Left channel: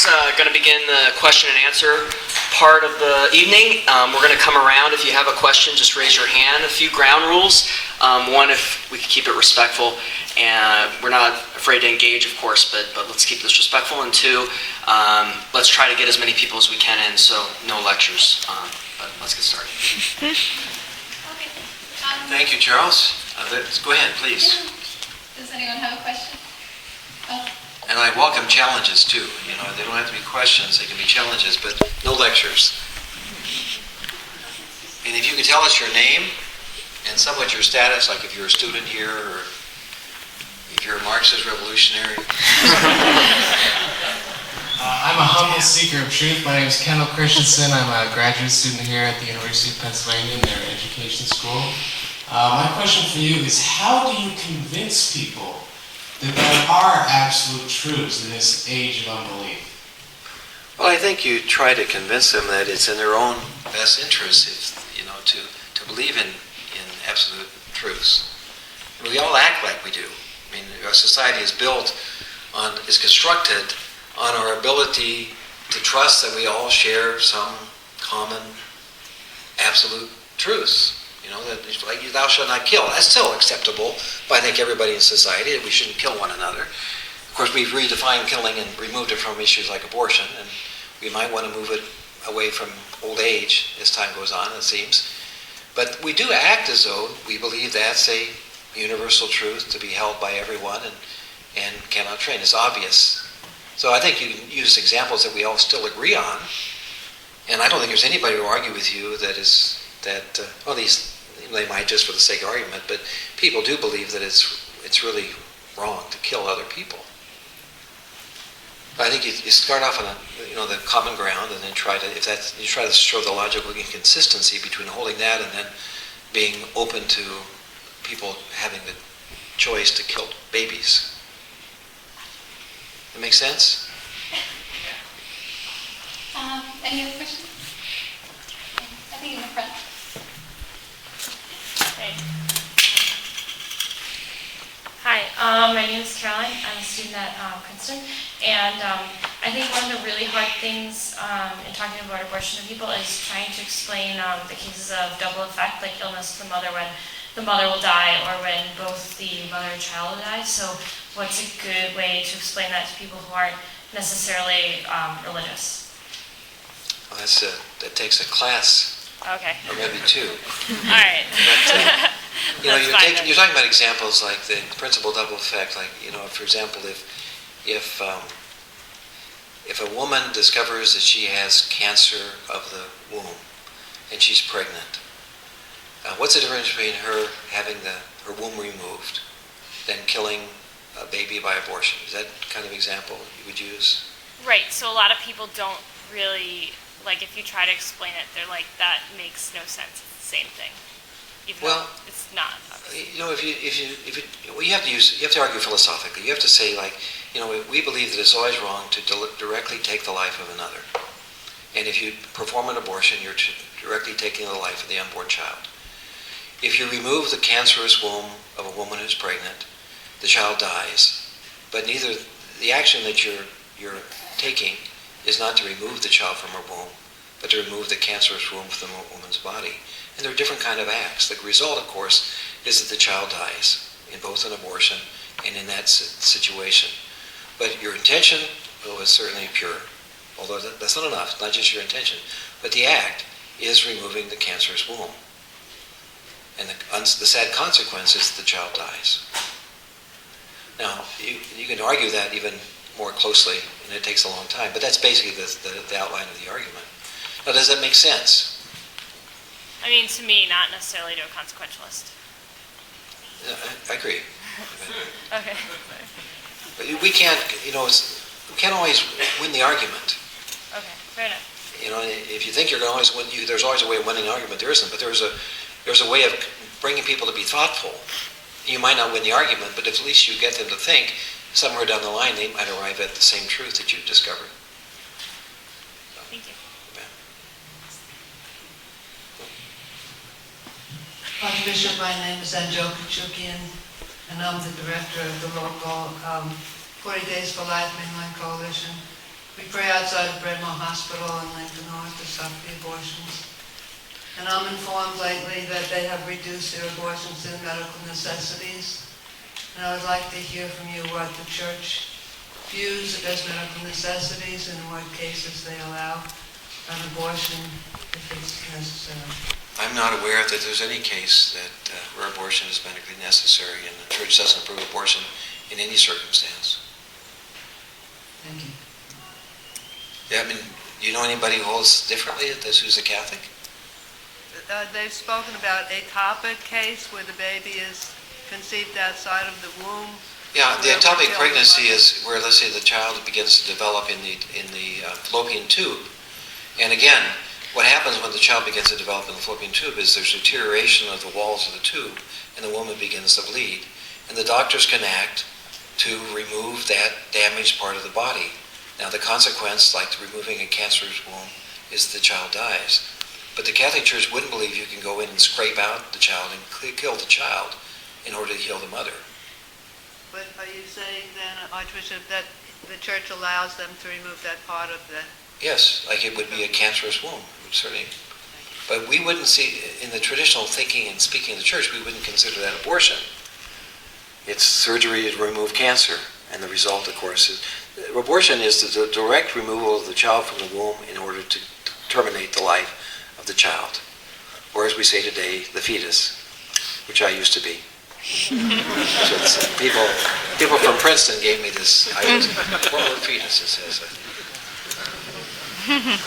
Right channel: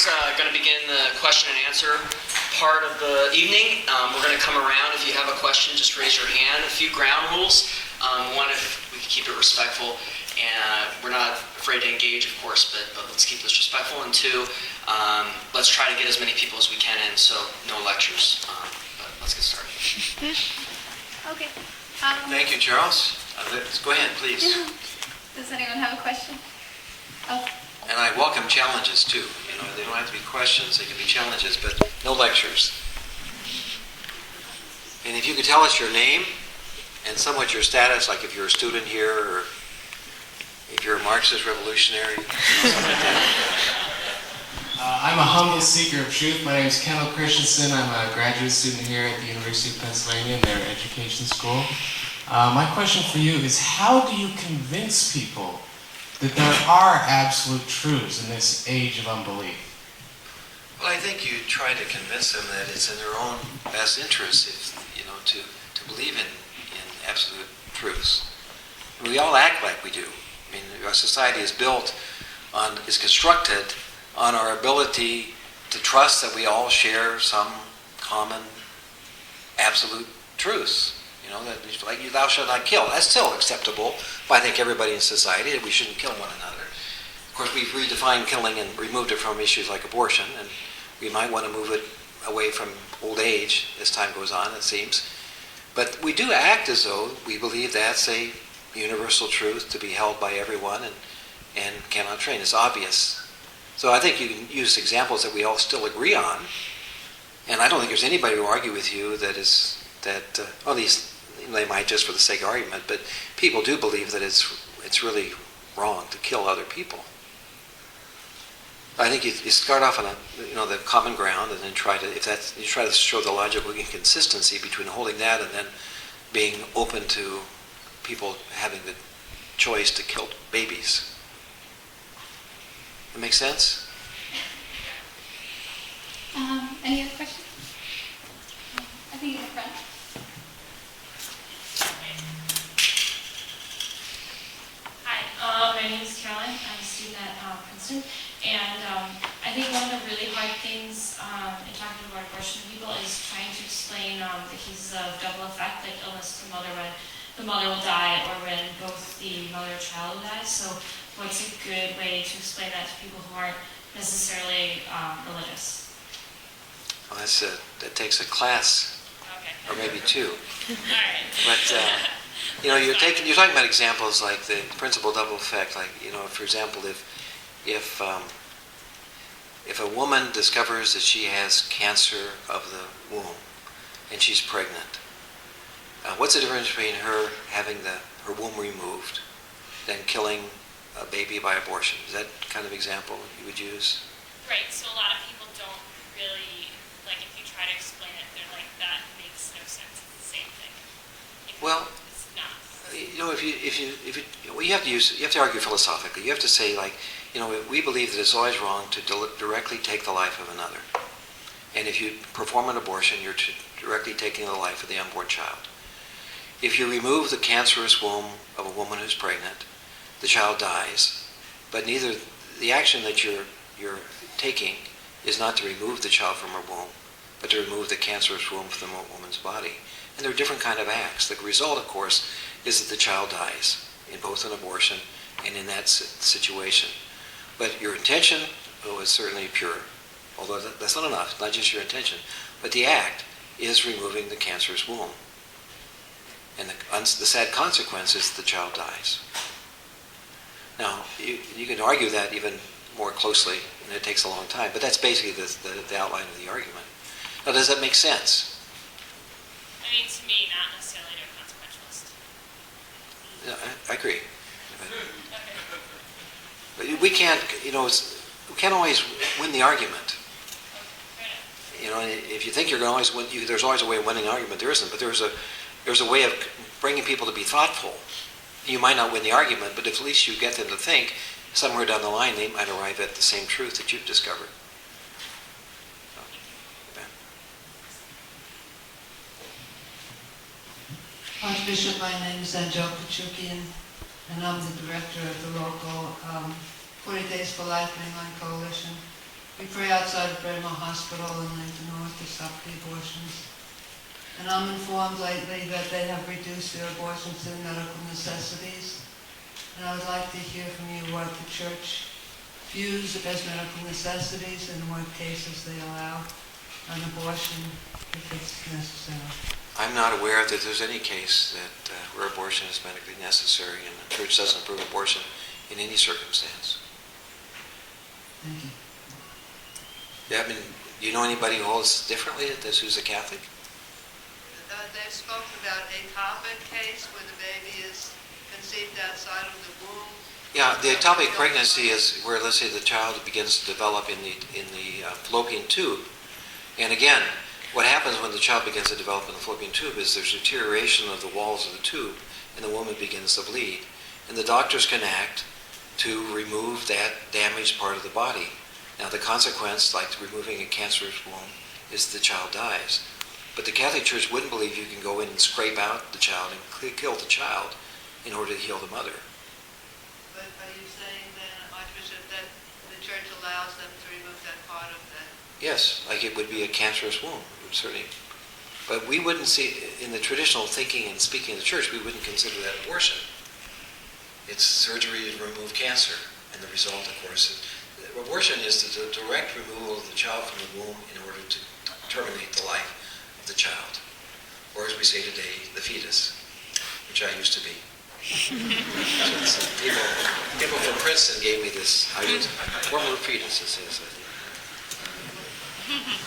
is going to begin the question and answer part of the evening. We're going to come around. If you have a question, just raise your hand. A few ground rules. One, if we can keep it respectful. And we're not afraid to engage, of course, but let's keep this respectful. And two, let's try to get as many people as we can in, so no lectures. But let's get started. Okay. Thank you, Charles. Go ahead, please. Does anyone have a question? Oh. And I welcome challenges too. You know, they don't have to be questions; they can be challenges, but no lectures. And if you could tell us your name and somewhat your status, like if you're a student here or if you're a Marxist revolutionary. I'm a humble seeker of truth. My name is Kendall Christensen. I'm a graduate student here at the University of Pennsylvania in their education school. My question for you is, how do you convince people that there are absolute truths in this age of unbelief? Well, I think you try to convince them that it's in their own best interest, to believe in absolute truths. And we all act like we do. I mean, our society is constructed on our ability to trust that we all share some common absolute truths. You know, that like thou shalt not kill. That's still acceptable by I think everybody in society, that we shouldn't kill one another. Of course, we've redefined killing and removed it from issues like abortion, and we might want to move it away from old age as time goes on, it seems. But we do act as though we believe that's a universal truth to be held by everyone and cannot train. It's obvious. So I think you can use examples that we all still agree on, and I don't think there's anybody who will argue with you at least they might just for the sake of argument, but people do believe that it's really wrong to kill other people. I think you start off on the common ground, and then try to show the logical inconsistency between holding that and then being open to people having the choice to kill babies. That make sense? Any other questions? I think in the front. Hi, my name is Caroline. I'm a student at Princeton, and I think one of the really hard things in talking about abortion to people is trying to explain the cases of double effect, like illness to the mother when the mother will die or when both the mother and child will die. So what's a good way to explain that to people who aren't necessarily religious? Well, that takes a class. Okay. Or maybe two. All right. But, That's fine. you're talking about examples like the principal double effect. Like, for example, if a woman discovers that she has cancer of the womb and she's pregnant, what's the difference between her having her womb removed than killing a baby by abortion? Is that kind of example you would use? Right. So a lot of people don't really, like, if you try to explain it, they're like, that makes no sense. It's the same thing. Even though it's not. You have to argue philosophically. You have to say, like, we believe that it's always wrong to directly take the life of another. And if you perform an abortion, you're directly taking the life of the unborn child. If you remove the cancerous womb of a woman who's pregnant, the child dies. But neither the action that you're taking is not to remove the child from her womb, but to remove the cancerous womb from the woman's body. And they're different kind of acts. The result, of course, is that the child dies in both an abortion and in that situation. But your intention is certainly pure, although that's not enough, not just your intention, but the act is removing the cancerous womb. And the sad consequence is that the child dies. Now, you can argue that even more closely, and it takes a long time, but that's basically the outline of the argument. Now, does that make sense? I mean, to me, not necessarily to a consequentialist. I agree. Okay. But we can't always win the argument. Okay, fair enough. If you think you're going to always win, there's always a way of winning an argument. There isn't, but there's a way of bringing people to be thoughtful. You might not win the argument, but at least you get them to think. Somewhere down the line, they might arrive at the same truth that you've discovered. Thank you. Archbishop, my name is Penn and I'm the director of the local 40 Days for Life Mainline Coalition. We pray outside of Brentmore Hospital in Lincoln North to stop the abortions. And I'm informed lately that they have reduced their abortions to medical necessities. And I would like to hear from you what the church views as medical necessities and in what cases they allow an abortion if it's necessary. I'm not aware that there's any case that where abortion is medically necessary, and the church doesn't approve abortion in any circumstance. Thank you. Yeah, I mean, do you know anybody who holds differently at this who's a Catholic? They've spoken about a ectopic case where the baby is conceived outside of the womb. Yeah, the Where ectopic the pregnancy mother- is where, let's say, the child begins to develop in the fallopian tube. And again, what happens when the child begins to develop in the fallopian tube is there's deterioration of the walls of the tube, and the woman begins to bleed. And the doctors can act to remove that damaged part of the body. Now, the consequence, like removing a cancerous womb, is the child dies. But the Catholic Church wouldn't believe you can go in and scrape out the child and kill the child in order to heal the mother. But are you saying then, Archbishop, that the church allows them to remove that part of the... Yes, like it would be a cancerous womb. It would certainly. But we wouldn't see, in the traditional thinking and speaking of the church, we wouldn't consider that abortion. It's surgery to remove cancer. And the result, of course, is abortion is the direct removal of the child from the womb in order to terminate the life of the child. Or as we say today, the fetus, which I used to be. So people from Princeton gave me this. What were fetuses? Says I think.